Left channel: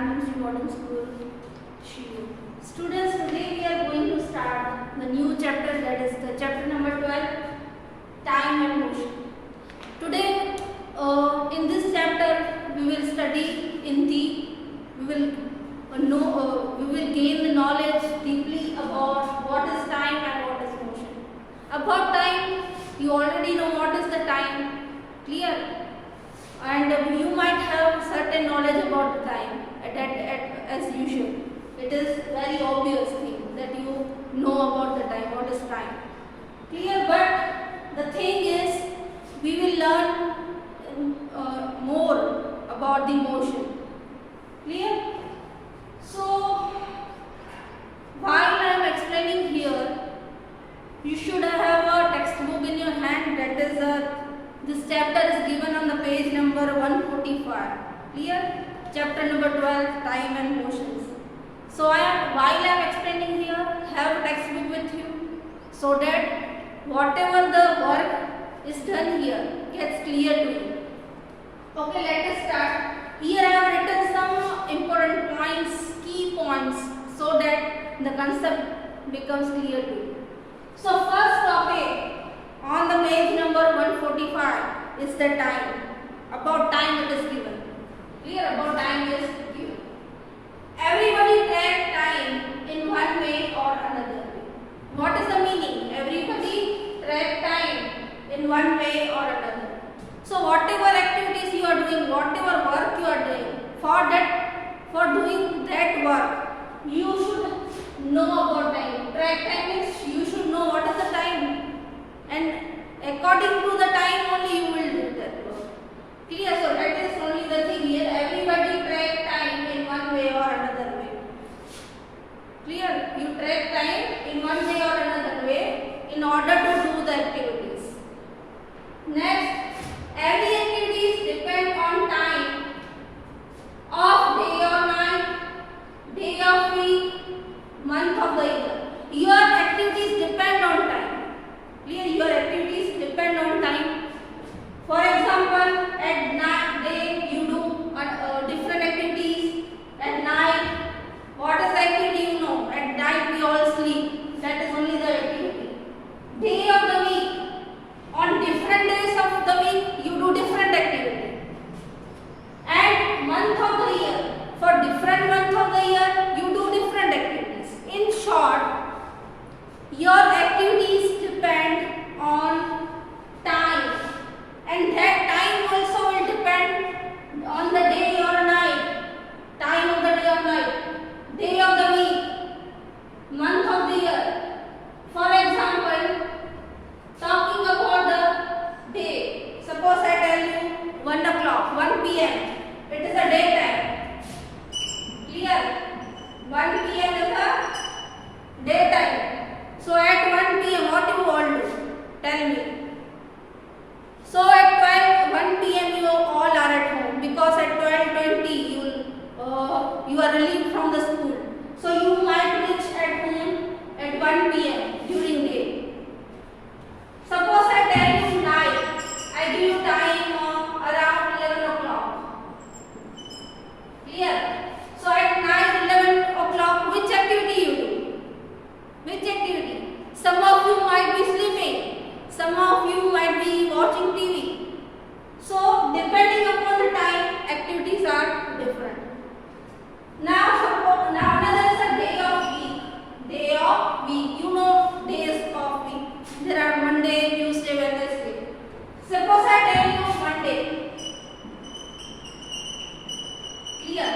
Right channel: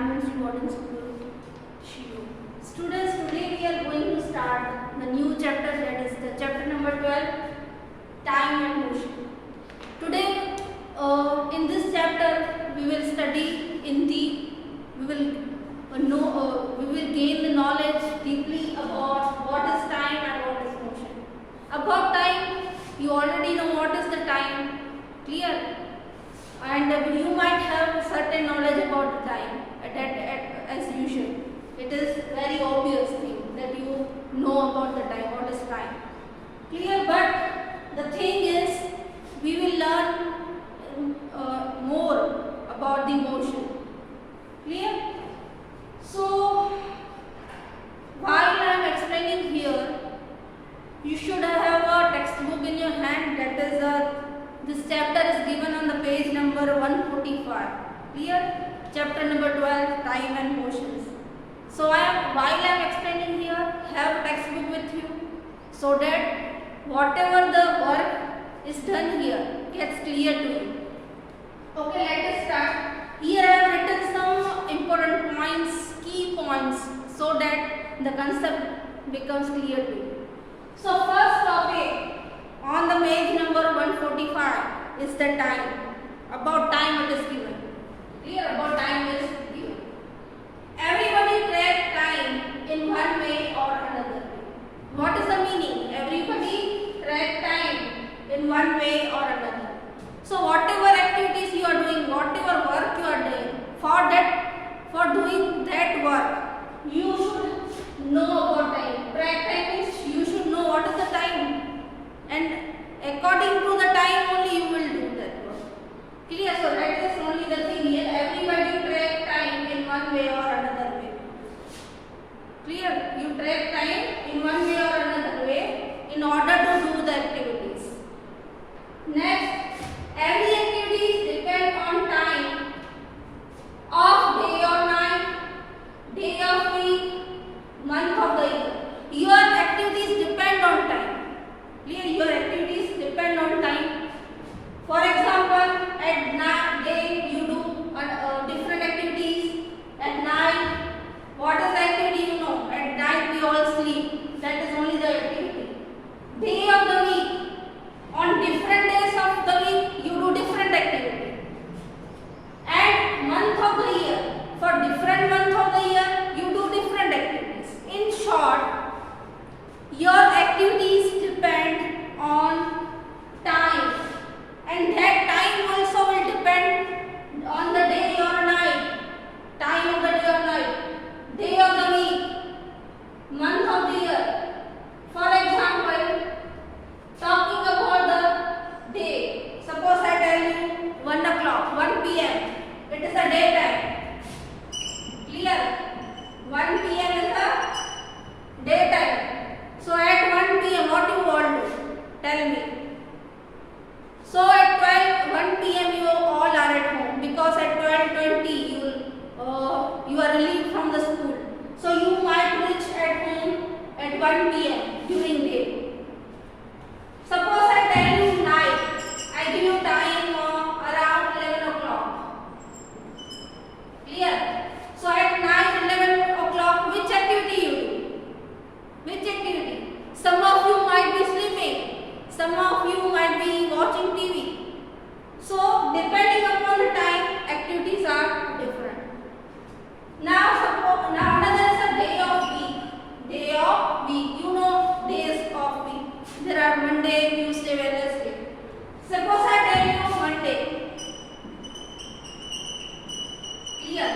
Environment Modern School, Shio. Students, today we are going to start the new chapter, that is the chapter number 12, Time and Motion. Today, in this chapter, we will study in deep. We will gain the knowledge deeply about what is time and what is motion. About time, you already know what is the time, clear? And you might have certain knowledge about the time as usual. It is very obvious thing that you know about the time, what is time, clear? But the thing is, we will learn more about the motion, clear? So while I am explaining here, you should have a textbook in your hand. That is this chapter is given on the page number 145. Clear? Chapter number 12, Time and Motions. So while I am explaining here, have a textbook with you so that whatever the work is done here gets clear to you. Okay, let us start. Here I have written some important points, key points, so that the concept becomes clear to you. So first topic on the page number 145 is the time. About time it is given. Clear? About time is given. Everybody track time in one way or another way. What is the meaning? Everybody track time in one way or another. So whatever activities you are doing, whatever work you are doing, for doing that work, you should know about time. Track time means you should know what is the time, and according to the time only you will do that work. Clear? So that is only the thing here. Everybody track time in one way or another way. Clear? You track time in one way or another way in order to do the activities. Next, every activities depend on time of day or night, day of week, month of the year. Your activities depend on time. Clear? Your activities depend on time. For example, at night day you do different activities. At night, what is the activity you know? At night we all sleep. That is only the activity. Day of the week. On different days of the week you do different activity. And month of the year. For different month of the year you do different activities. In short, your activities depend on time, and that time also will depend on the day or night, time of the day or night, day of the week, month of the year. For example, talking about the day, suppose I tell you 1 o'clock, 1 p.m. it is a daytime. Clear? 1 p.m. is a daytime. So at 1 p.m. what you all do? Tell me. So at 1 p.m. you all are at home, because at 12:20 you are relieved from the school. So you might reach at home at 1 p.m. during day. Suppose I tell you night, I give you time around 11 o'clock. Clear? So at night 11 o'clock, which activity you do? Which activity? Some of you might be sleeping, some of you might be watching TV. So depending upon the time, activities are different. Now another is a day of week. Day of week. You know days of week. There are Monday, Tuesday, Wednesday. Suppose I tell you Monday. Clear?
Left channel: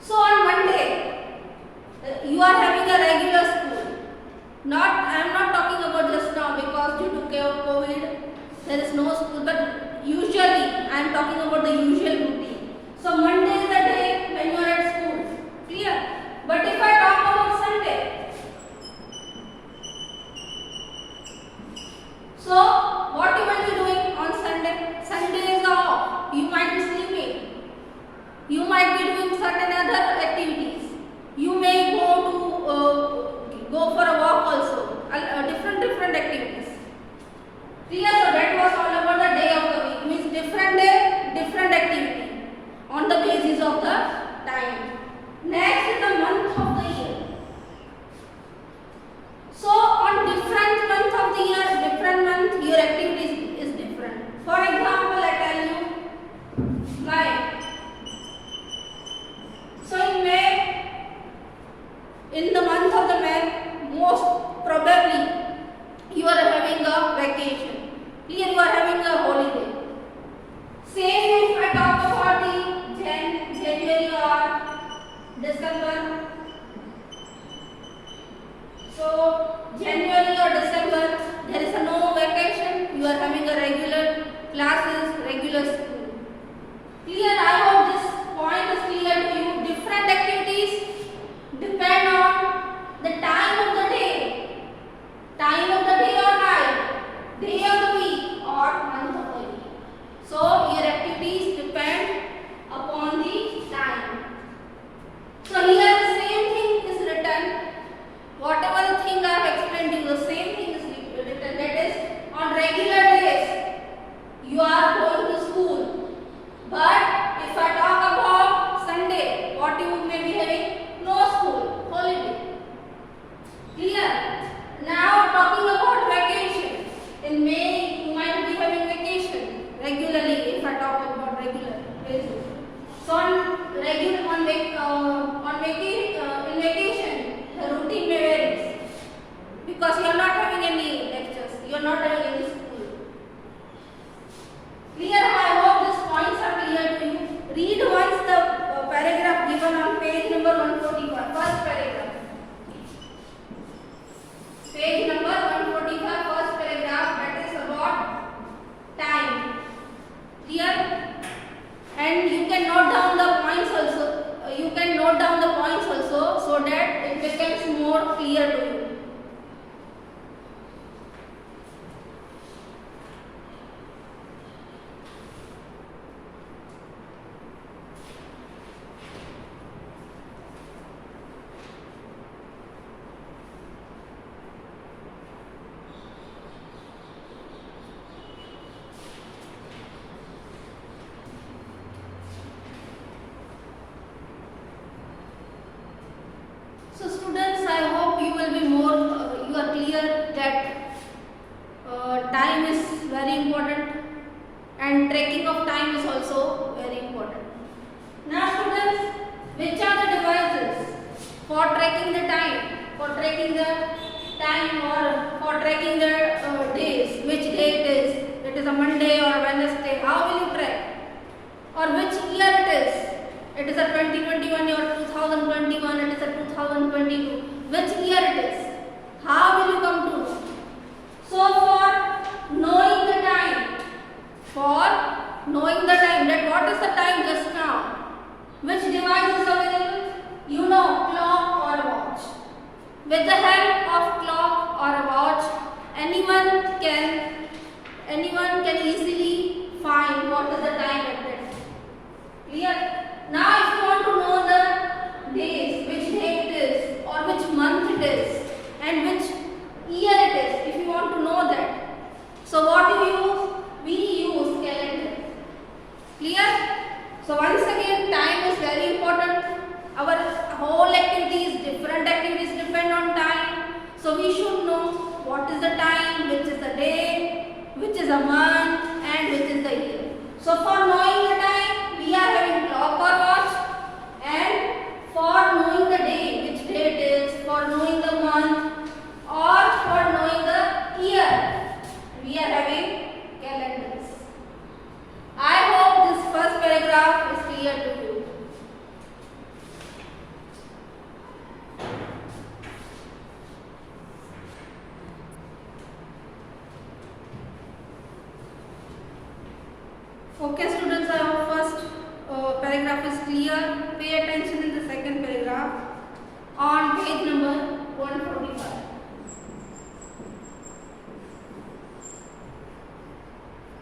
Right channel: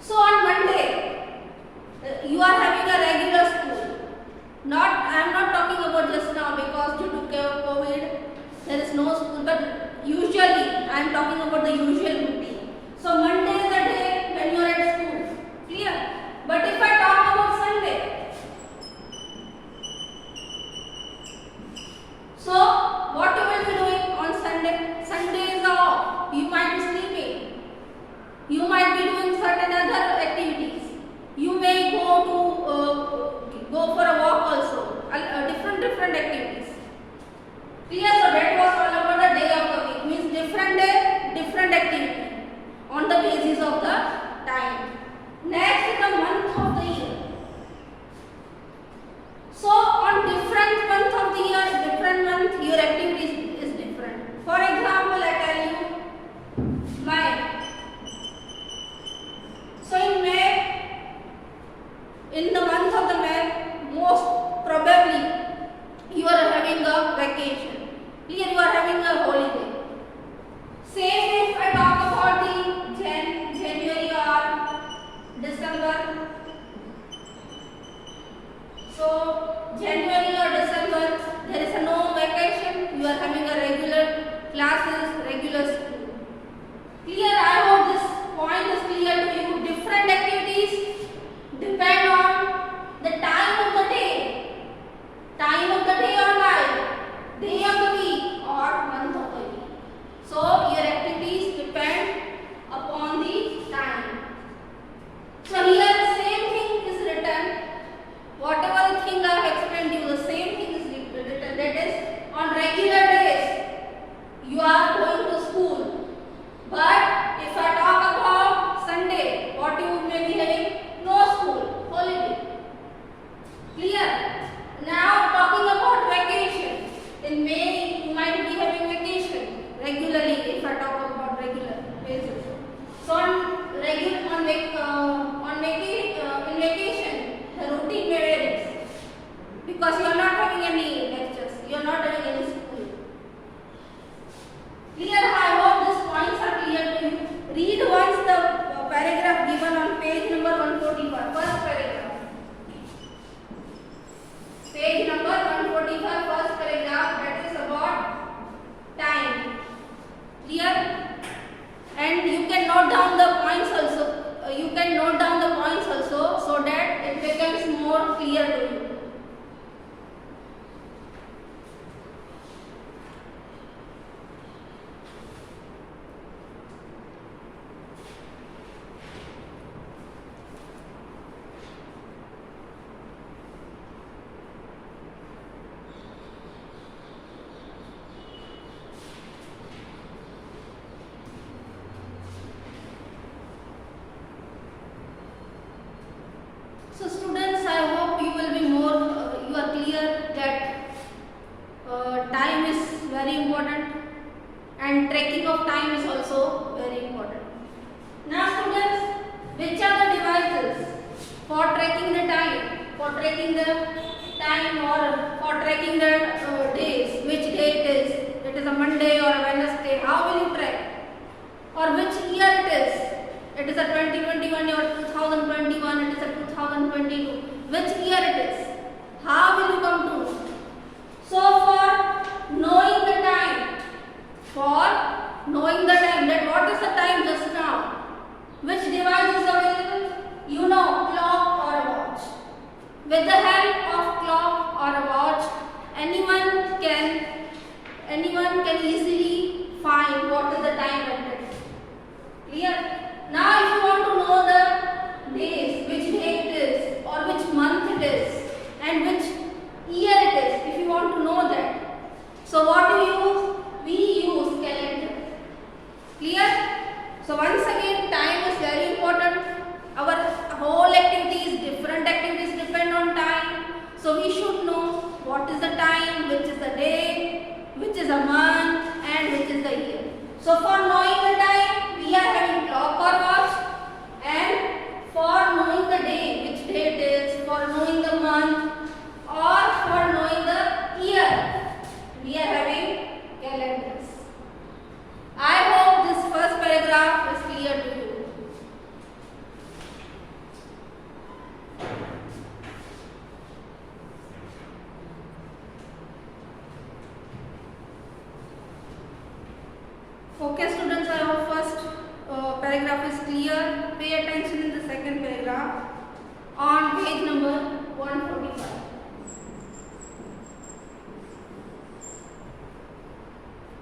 So on Monday, you are having a regular school. I am not talking about just now, because due to COVID, there is no school. But usually, I am talking about the usual routine. So Monday is the day when you are at school. Clear? But if I talk about Sunday, so what you will be doing on Sunday? Sunday is off. You might be sleeping. You might be doing certain other activities. You may go for a walk also. Different activities. Clear? So that was all about the day of the week. Means different day, different activity on the basis activities of the time. Next is the month of the year. So on different month of the year, different month, your activities is different. For example, I tell you May. So in May, in the month of the May, most probably you are having a vacation. Here you are having a holiday. Same if I talk about the January or December. So January or December, there is no vacation. You are having a regular classes, regular school. Clear? I hope this point is clear to you. Different activities depend on the time of the day. Time of the day or night. Day of the week or month of the week. So your activities depend upon the time. So here the same thing is written. Whatever thing I have explained you, the same thing is written. That is, on regular days you are going to school. But if I talk about Sunday, what you may be having? No school, holiday. Clear? Now talking about vacation. In May you might be having vacation regularly. If I talk about regular basis. So in vacation, the routine may vary because you are not having any lectures. You are not having any school. Clear? I hope these points are clear to you. Read once the paragraph given on page number 145. First paragraph. Page number 145, first paragraph, that is about time. Here, and you can note down the points also. So that it becomes more clear to you. So students, I hope you will be you are clear that time is very important and tracking of time is also very important. Now students, which are the devices for tracking the time, or for tracking the days, which day it is a Monday or a Wednesday, how will you track? Or which year it is? It is a 2021 or 2021, it is a 2022. Which year it is? How will you come to know? So for knowing the time, that what is the time just now? Which device is available? You know, clock or a watch. With the help of clock or a watch, anyone can easily find what is the time at that. Clear? Now if you want to know the days, which day it is or which month it is and which year it is, if you want to know that, so what do you use? We use calendar. Clear? So once again, time is very important. Our whole activities, different activities depend on time. So we should know what is the time, which is the day, which is a month and which is the year. So for knowing the time, we are having clock or watch, and for knowing the day, which day it is, for knowing the month or for knowing the year, we are having calendars. I hope this first paragraph is clear to you. Okay students, I hope first paragraph is clear. Pay attention in the second paragraph on page number 145.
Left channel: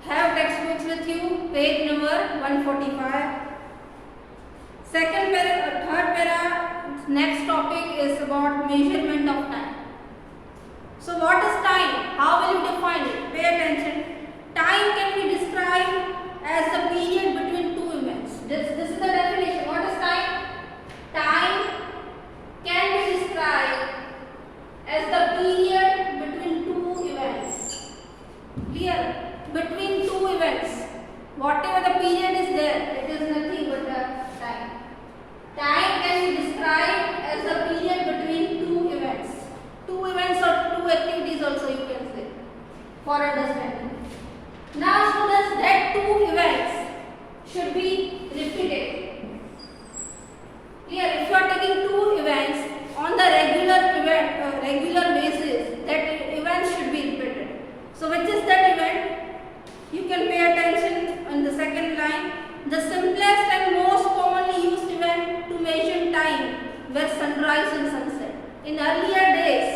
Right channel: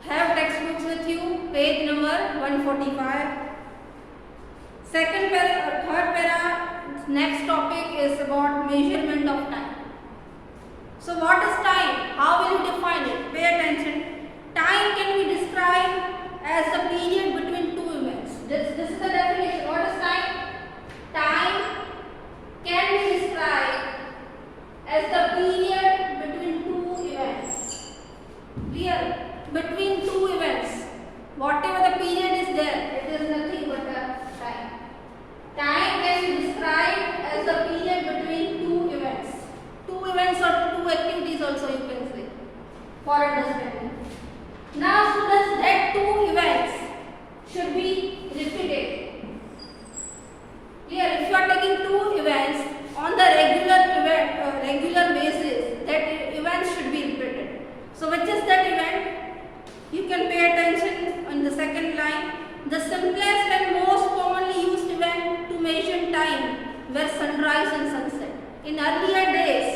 Have textbooks with you, page number 145. Third para, next topic is about measurement of time. So what is time? How will you define it? Pay attention. Time can be described as the period between two events. This is the definition. regular basis, that event should be repeated. So which is that event? You can pay attention on the second line. The simplest and most commonly used event to measure time were sunrise and sunset. In earlier days,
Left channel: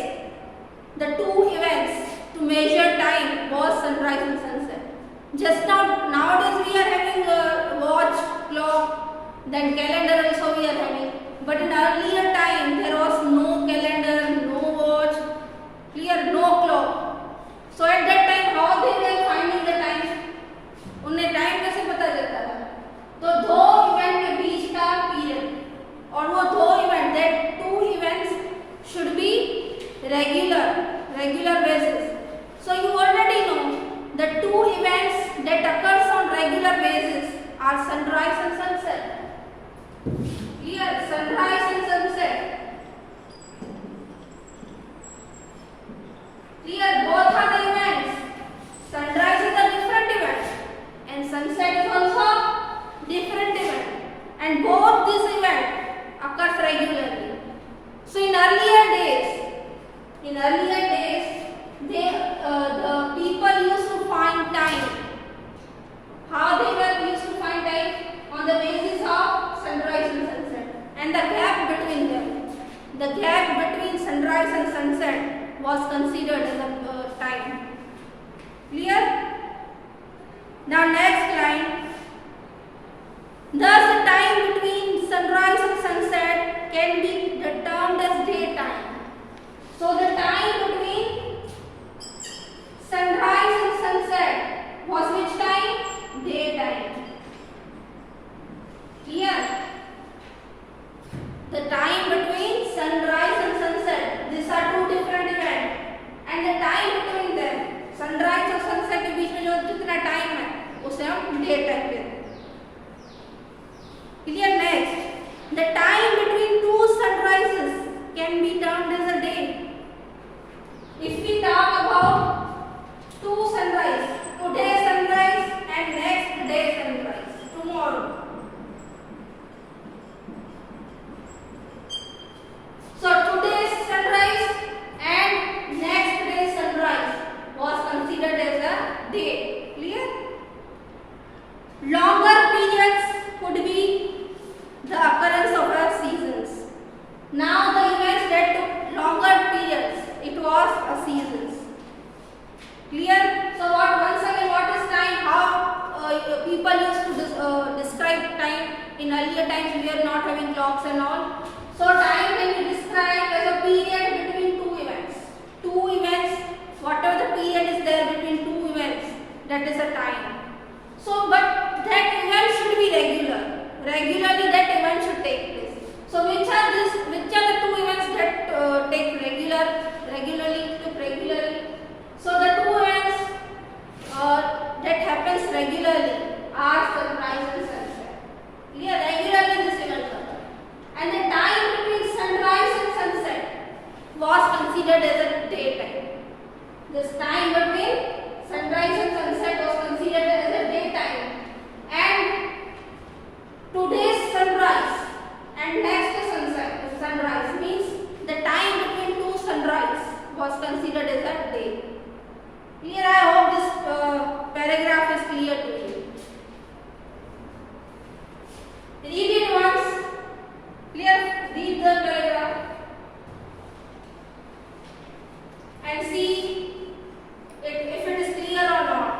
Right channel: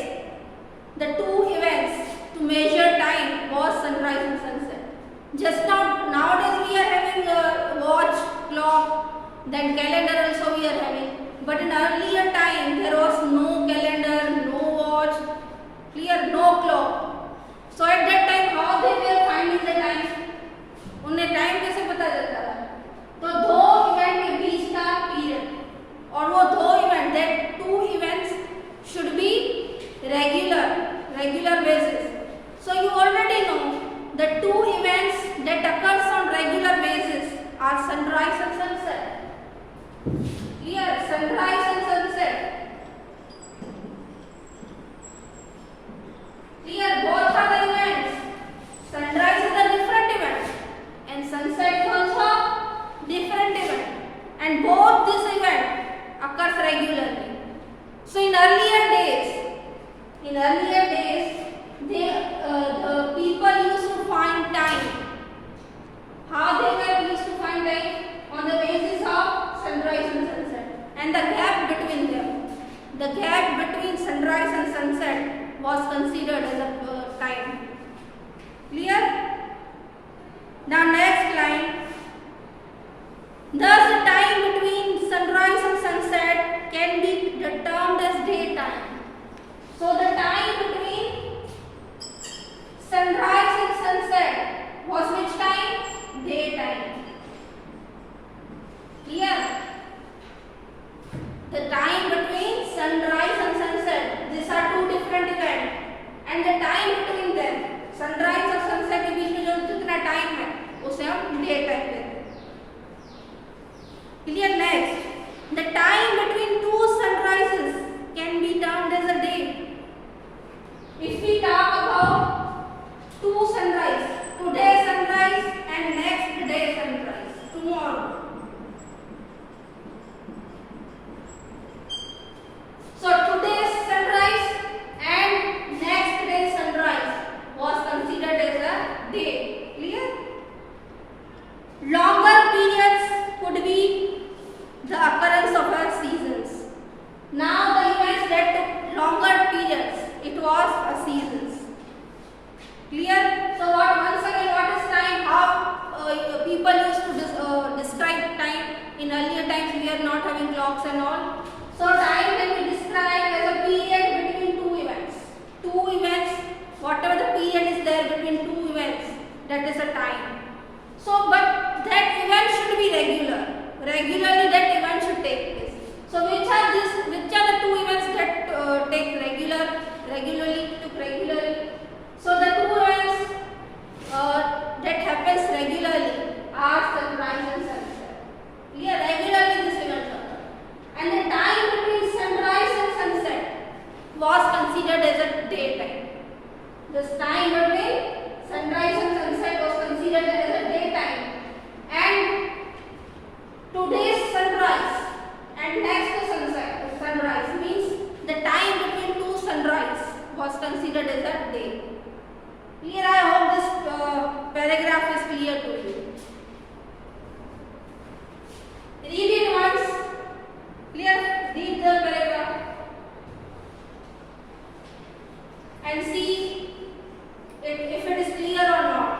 the two events to measure time was sunrise and sunset. Just now, nowadays we are having a watch, clock, then calendar also we are having. But in earlier time, there was no calendar, no watch, clear, no clock. So at that time, how they were finding the time? उन्हें time कैसे पता चलता था? तो दो event के बीच का period और वो दो event, that two events should be regular basis. So you already know the two events that occurs on regular basis are sunrise and sunset. Clear? Sunrise and sunset. Clear? Both are the events. Sunrise is a different event and sunset is also different event, and both this event occurs regularly. So in earlier days, the people used to find time. How they were used to find time? On the basis of sunrise and sunset, and the gap between them. The gap between sunrise and sunset was considered as a time. Clear? Now next line. Thus the time between sunrise and sunset can be termed as daytime. So the time between sunrise and sunset was which time? Daytime. Clear? The time between sunrise and sunset, these are two different events, and the time between them, sunrise और sunset के बीच में जो जितना time है उसे हम day time कहते हैं. Clear? Next, the time between two sunrises can be termed as a day. If we talk about two sunrise, today's sunrise and next day sunrise, tomorrow. So today's sunrise and next day's sunrise was considered as a day. Clear? Longer periods could be the occurrence of our seasons. Now the events that took longer periods, it was a seasons. Clear? So once again, what is time? How people used to describe time. In earlier times we are not having clocks and all. So time can be described as a period between two events. Two events, whatever the period is there between two events, that is a time. So but that event should be regular. Regularly that event should take place. So which are the two events that take regularly? So the two events that happens regularly are sunrise and sunset. Clear? Regularly this event occurs. And the time between sunrise and sunset was considered as a daytime. This time between sunrise and sunset was considered as a daytime. And today's sunrise and next sunrise means the time between two sunrise was considered as a day. Clear? I hope this paragraph is clear to you. Read it once. Clear? Read the paragraph and see if it is clear or not.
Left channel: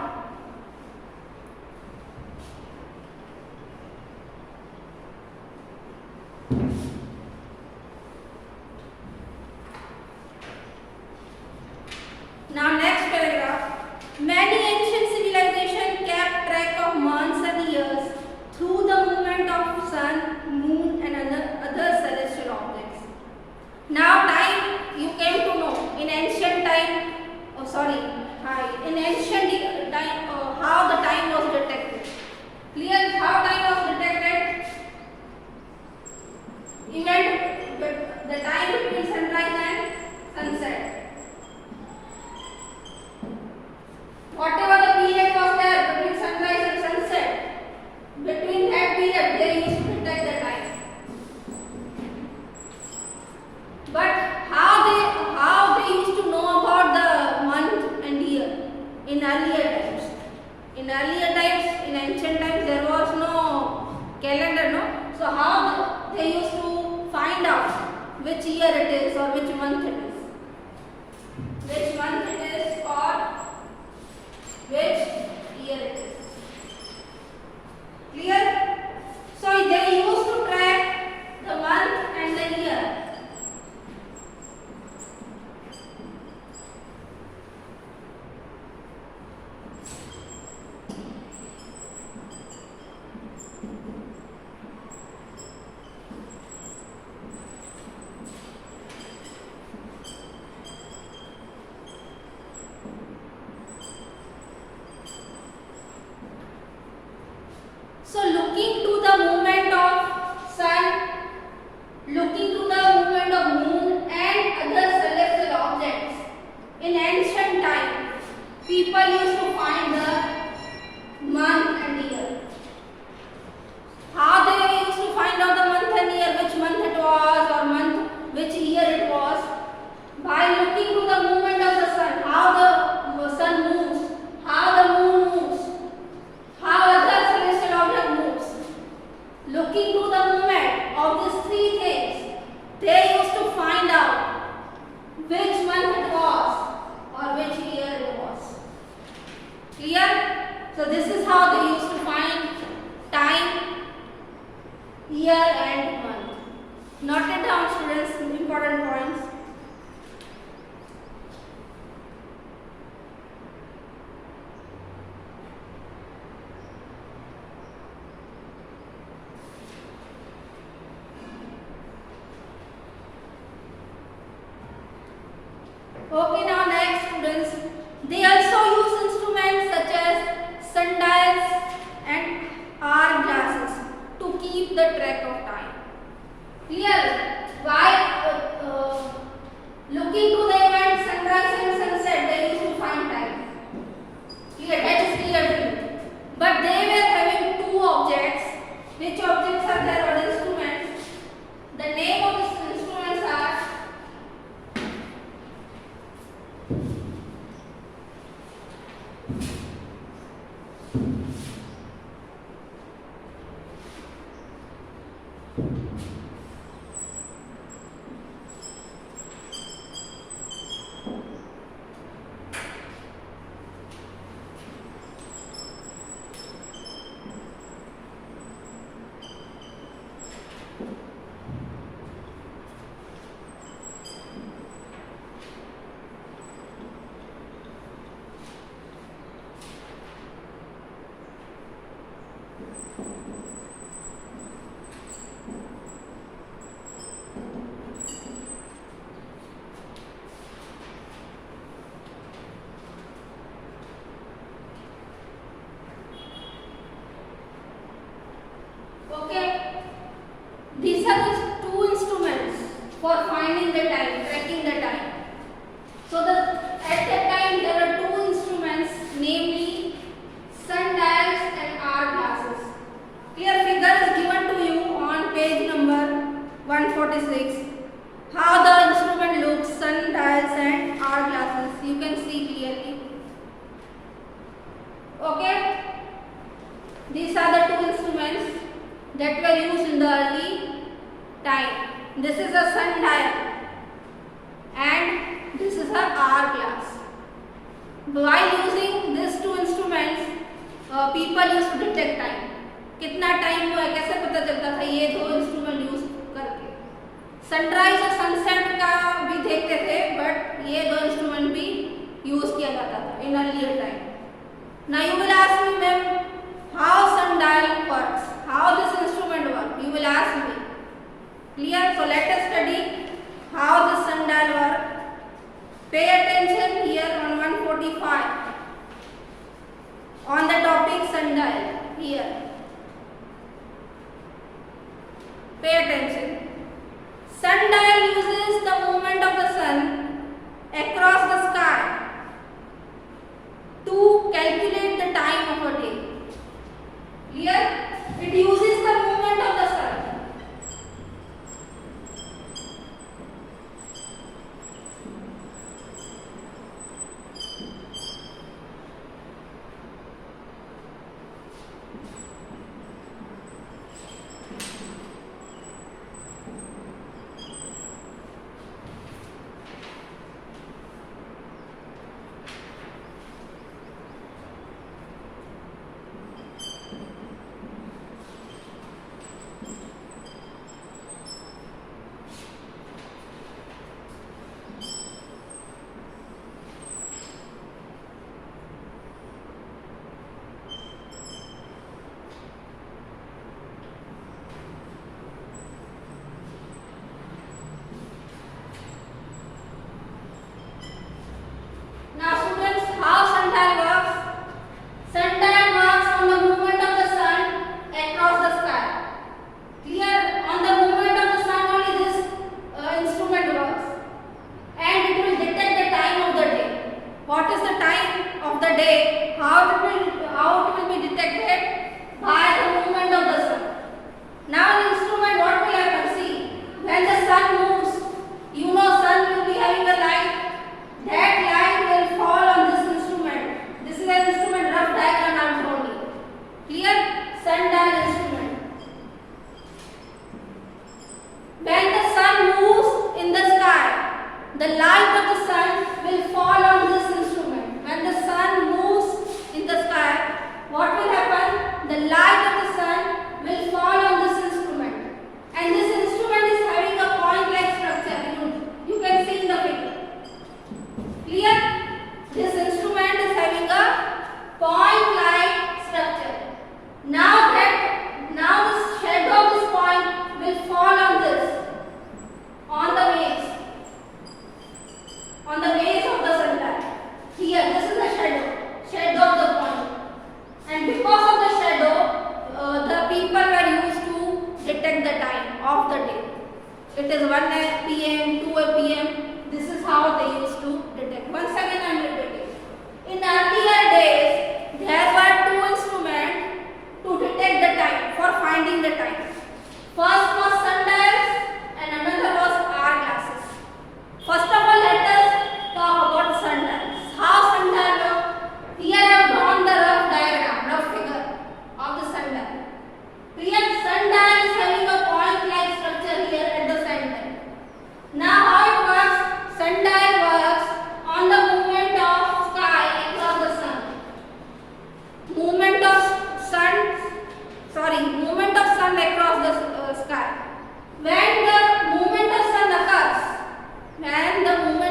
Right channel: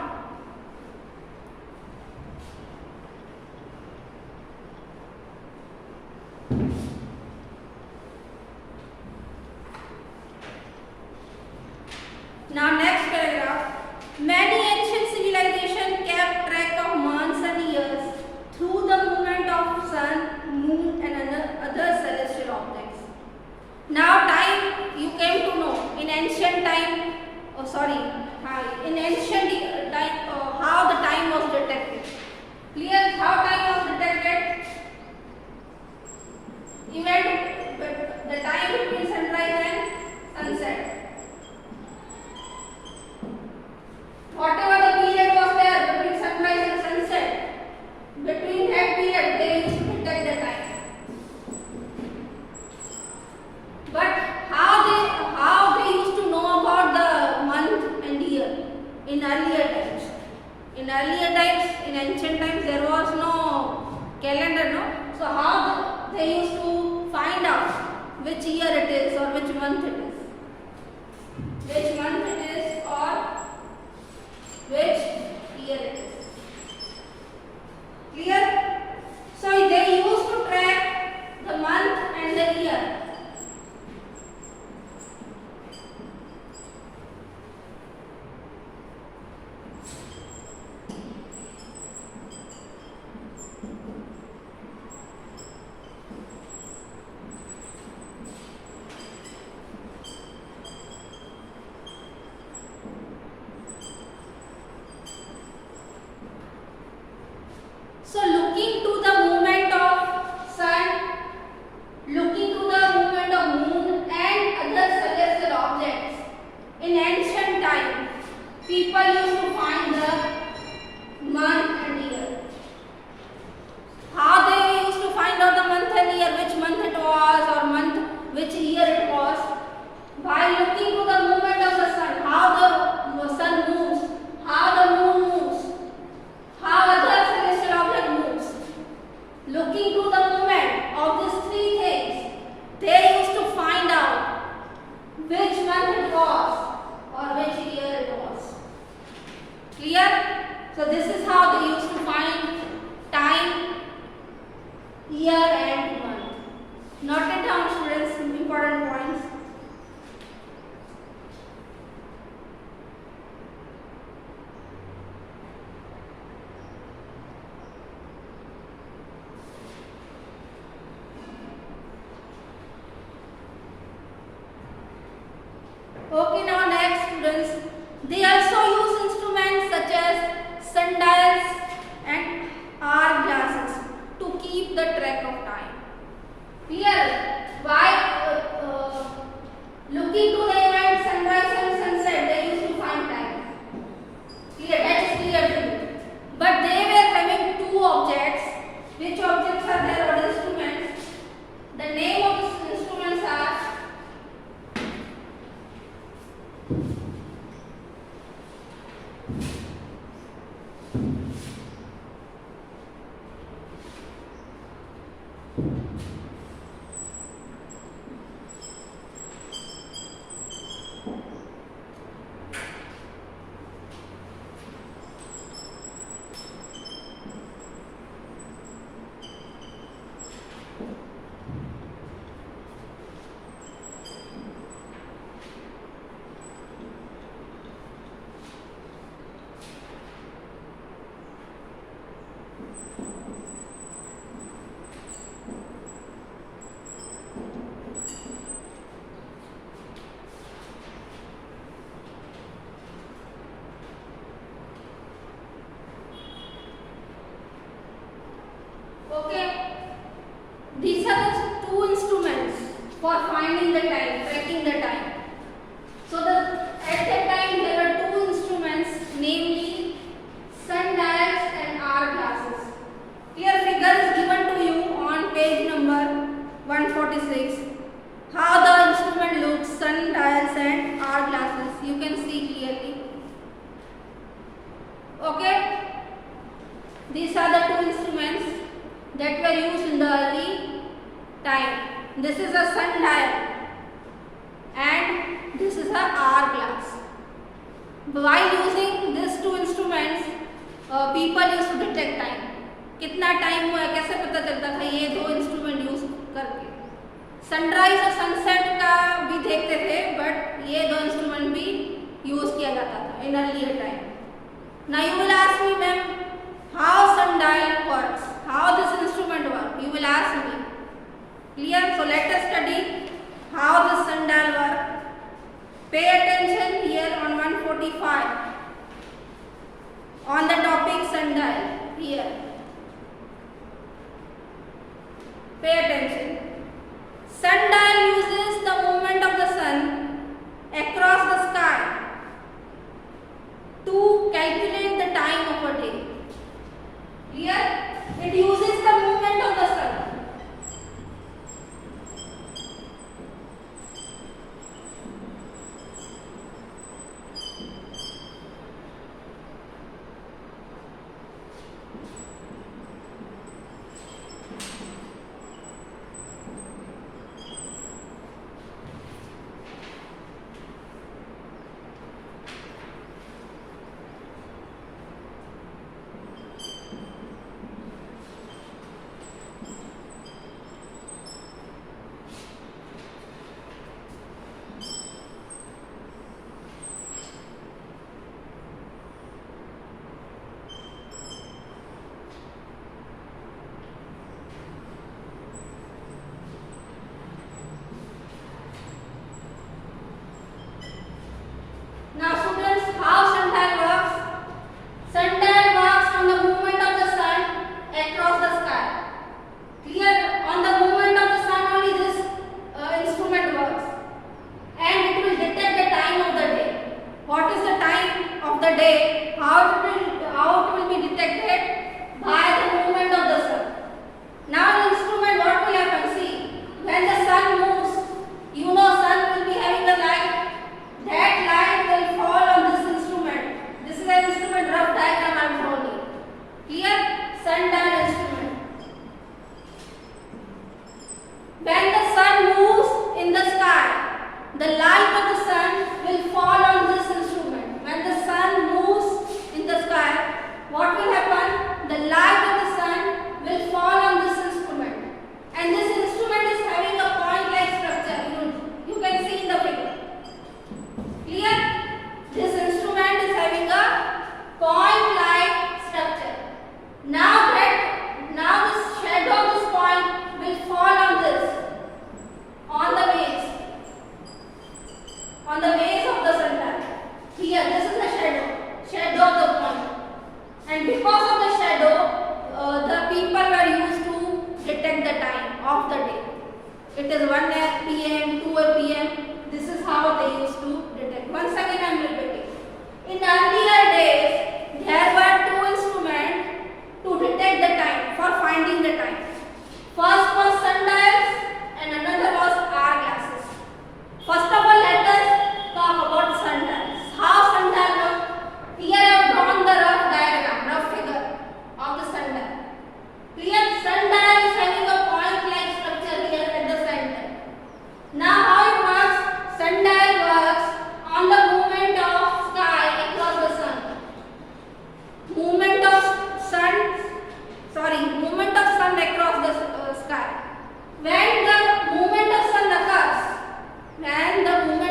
Now next paragraph. Many ancient civilizations kept track of months and years through the movement of sun, moon and other celestial objects. Now time you came to know in ancient time, in ancient time how the time was detected. Clear? How time was detected? Event, the time between sunrise and sunset. Whatever the period was there between sunrise and sunset, between that period they used to detect the time. But how So how they used to find out which year it is or which month it is? Which month it is or which year it is? Clear? So they used to track the month and the year. So looking to the movement of sun, looking to the movement of moon and other celestial objects, in ancient time, people used to find the month and year. How they used to find out the month and year, which month it was or which year it was? By looking to the movement of the sun, how the sun moves, how the moon moves, how other celestial object moves. Looking to the movement of these three things, they used to find out which month it was or which year it was. Clear? So this is how they used to find time, year and month. Note it down, students, important points. Okay, now next, students, they also use instruments such as sundials and hour glasses to keep the track of time. Clear? Why? Looking to the event sunrise and sunset, they used to find time. Clear? That is clear to you. But they were having two objects. Which objects are there? What instruments? The name of these instruments are okay. These are the two instruments for finding the time, tracking the time. So at that time there were two instruments, namely sundials and hour glasses. Here figure is given to you on page number 146. How the instrument looks, sundials and hour glasses. You can see clearly. Okay. These are the two instruments that were used in the early time. This is a sundial and this is a hourglass. While using these two instruments, people used to detect time. कितना time हुआ है कैसे पता चलता था ये दो instrument use करके. सनराइज और सनसेट का भी देखते थे बट ये दो इंस्ट्रूमेंट भी यूज किया जाता था in earlier time. Now you will ask me ma'am how sundial works, how this instrument works, you will ask me. Clear? So let us study how this sundial works. Pay attention here on 145 on the topic sundial here. Pay attention. Sundial uses the movement of the sun across the sky to calculate the time of a day. Here it uses the movement of the sun. sundial instrument. When the sun moves in the sky, the light of the sun will fall on this instrument. When the sun moves in the sky, what will happen? The light of the sun will fall on this instrument. And this instrument is having a point-like structure. You can see in the figure. Clear? This instrument is having a point-like structure. Now the shadow of this point will fall on this, on the base of the sundial. Here, this is the shadow of the point. And because of the shadow, the people were used to detect the time of the day. It is 1 p.m., 2 p.m. This is how they used to detect. Once again I am repeating. In earlier days, there were two instruments to detect the time, for finding the time. First was sundials and another was hourglasses. First of all, let us talk about sundials. How sundial work? Here I have drawn the rough figure of the sundial. Clear? Sundial is having a point-like structure here at the center. Now how it works? Sundial works on the movement of sky across the sun. Movement of sun across the sky. When the movement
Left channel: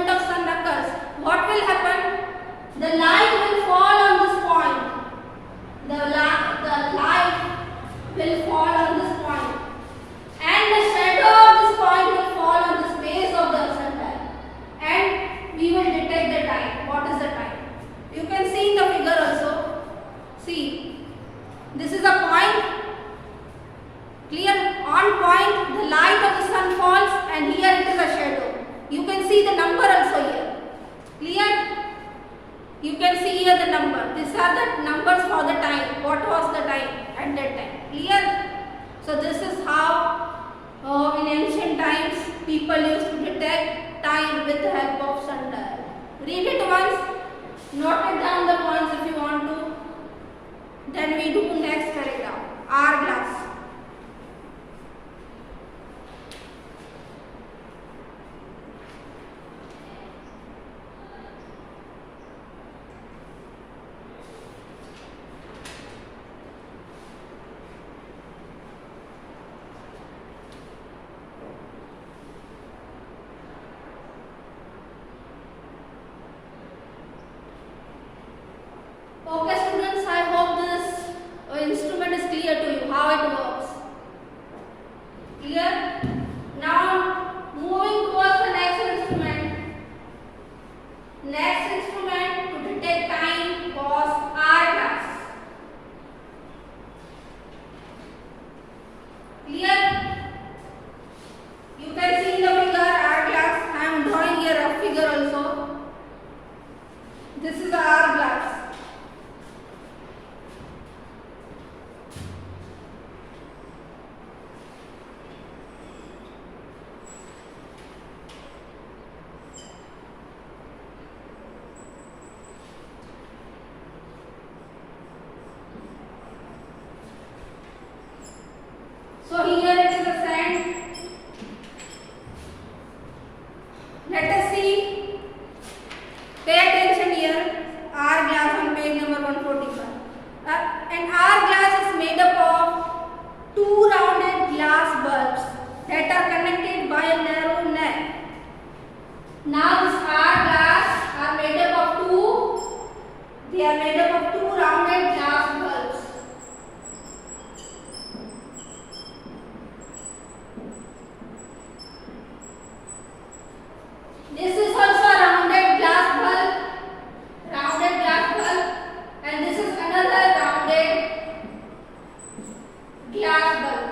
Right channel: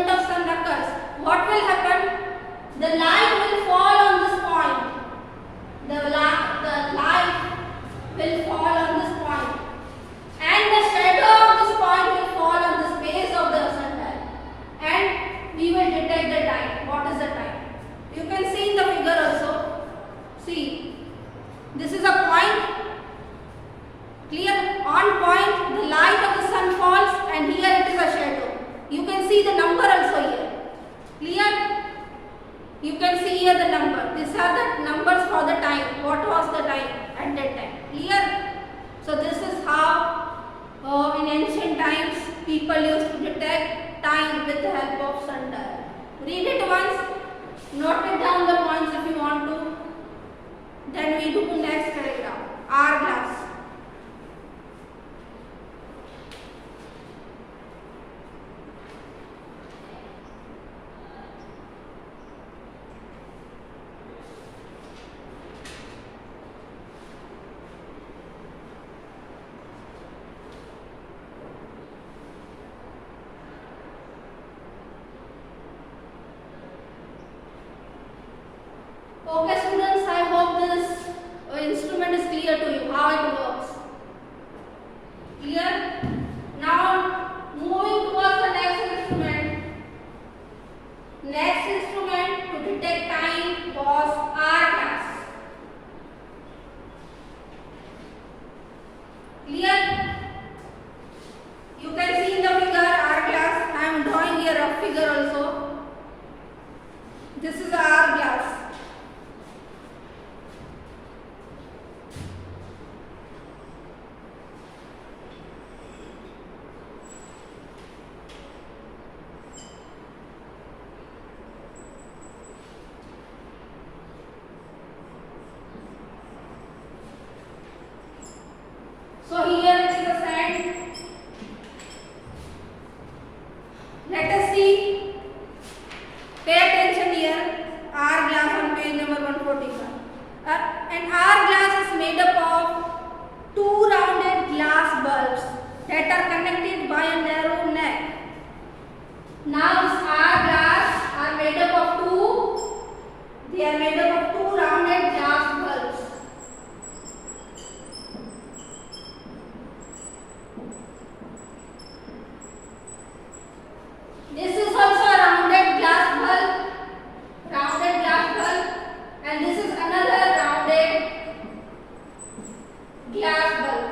of sun occurs, what will happen? The light will fall on this point. The light will fall on this point. And the shadow of this point will fall on the base of the sundial. And we will detect the time. What is the time? You can see in the figure also. See, this is a point. Clear? On point, the light of the sun falls, and here it is a shadow. You can see the number also here. Clear? You can see here the number. These are the numbers for the time. What was the time at that time? Clear? So this is how in ancient times people used to detect time with the help of sundial. Read it once. Note it down the points if you want to. Then we do next paragraph. Hourglass. Okay students, I hope this instrument is clear to you, how it works. Clear? Now moving towards the next instrument. Next instrument to detect time was hourglass. Clear? You can see in the figure hourglass. I am drawing here a figure also. This is the hourglass. So here it is the sand. Let us see. Pay attention here. Hourglass on page number 145. An hourglass is made up of two rounded glass bulbs that are connected by a narrow neck. Now this hourglass are made up of two. They are made up of two rounded glass bulbs. This is also a rounded glass bulb, and this is another rounded glass bulb.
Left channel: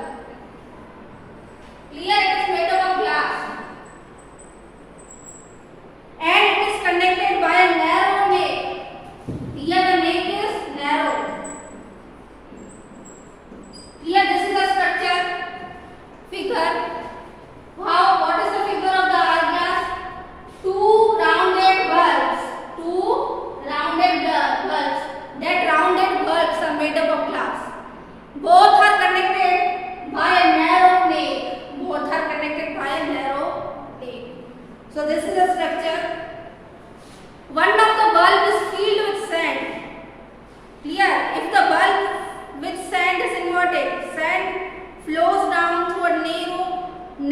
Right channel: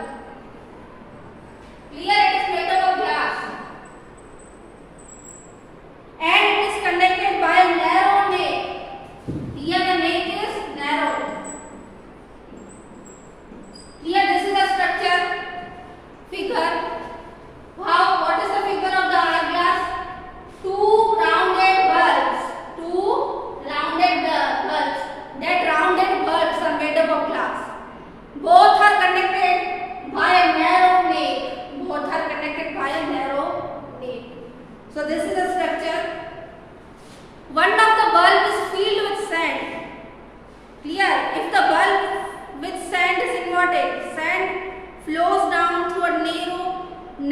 Clear? It is made up of glass.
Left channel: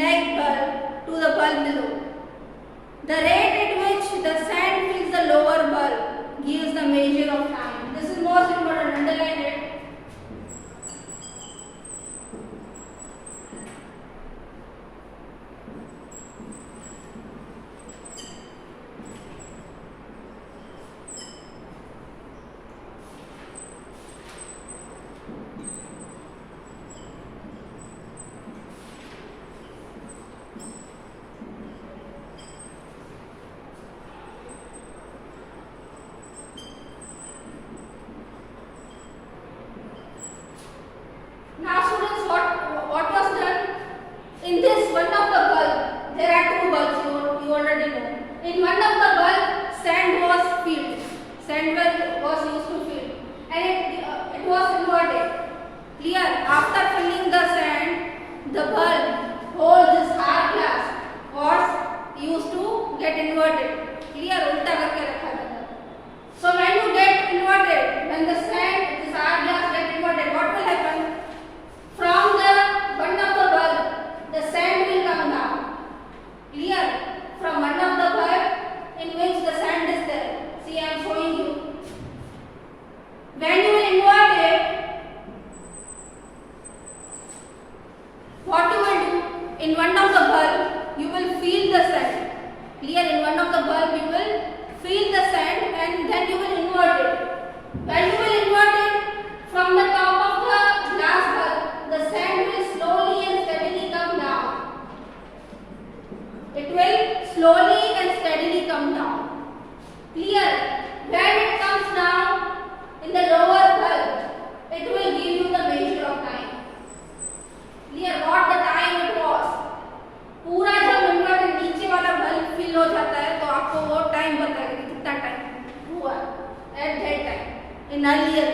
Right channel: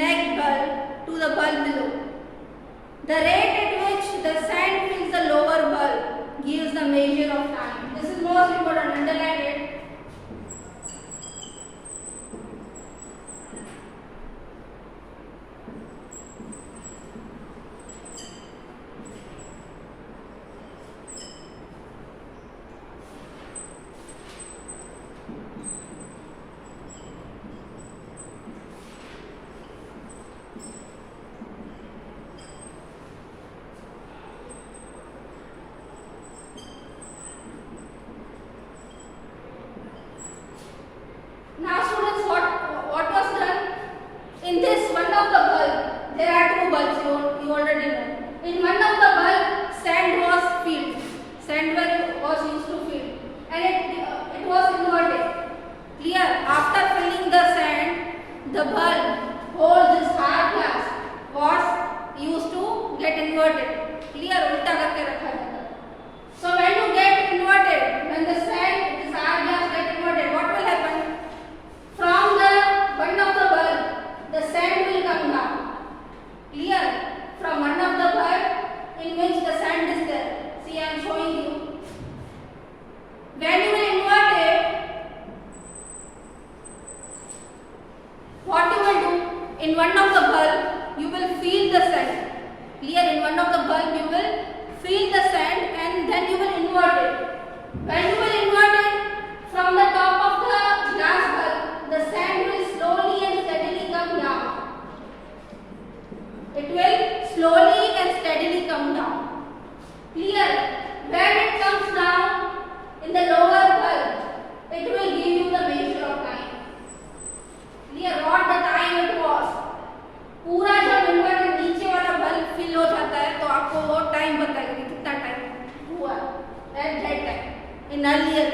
neck bulb to the bulb below. The rate at which the sand fills the lower bulb gives the measure of time. This is most important. Underline it. Now students, what was done? In this one of the bulb, there are two bulbs, you already know. In one of the bulb, sand was filled. Sand was used to fill, and it was inverted. Clear? After filling the sand, the bulb holds this hard glass was used to get inverted. Clear? उल्टा करके रखा जाता है. So when you get inverted, when the sand, this hard glass get inverted, what will happen? From the one of the bulb, the sand will come down. Clear? From one of the bulb in which the sand is there. See, I am showing you. When you will invert it, what you will do? In one of the bulb, you will feel the sand. Clear? In one of the bulb, you will feel the sand and then you will invert it. When you will invert it, from the top of the glass bulb, the sand will slowly and steadily come down. It will slowly and steadily come down. Clear? When it comes down in the lower bulb, it will give you the measure of time. Clear? What the time it was? पूरा जब inverter नीचे वाला bulb fill हो जाता है तो आपको वो टाइम बताएगी कितना टाइम हुआ at that time in earlier